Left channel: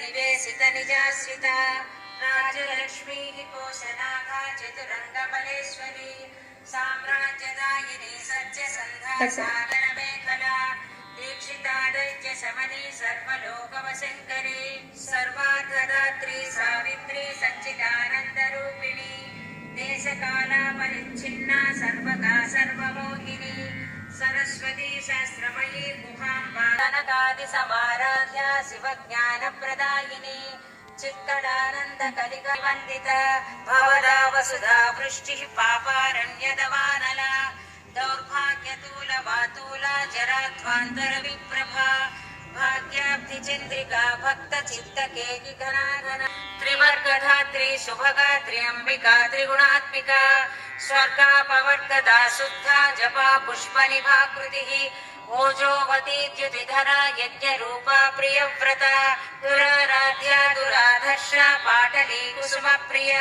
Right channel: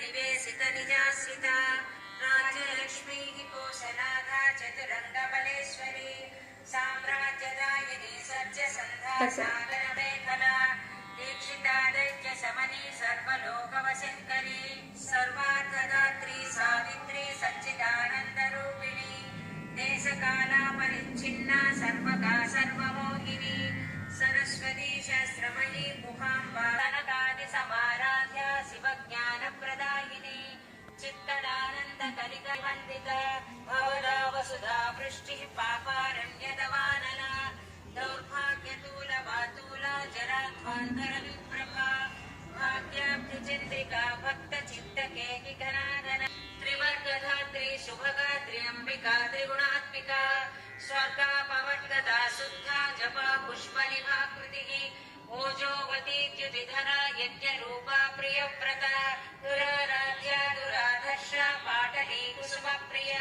निवेशित निजाश्रिता राज्यलक्ष्मी कोशनाघा चतुरंगबलेश्वरी साम्राज्यदायिनी सत्यसन्धा सागरमेखला दीक्षिता दैत्य शमनी सर्वलोकवशङ्करी सर्वार्थदात्री सावित्री सच्चिदानन्दरूपिणी देशकाला परिच्छिन्ना सर्वगा सर्वमोहिनी सरस्वती शास्त्रमयी मुखाम्बा कनकादिसमाराध्या शिवज्ञानप्रदायिनी चित्तदानन्दकलिकवन्दिता भवदा वसुधा वृष्टिः पापारण्यदवानला दौर्भाग्यतूलवातूला जराध्वान्तरविप्रभा भाग्याब्धिचन्द्रिका भक्तचित्तकेकिघनाघना त्रिवर्गधात्री शुभगात्री अम्बिका त्रिगुणात्मिका स्वर्गापवर्गदा शुद्धा जपा पुष्पनिभाकृतिः ओजोवतीद्युतिधरा यज्ञरूपा प्रियव्रता दुराराध्या दुराधर्षा पाटली कुसुमप्रिया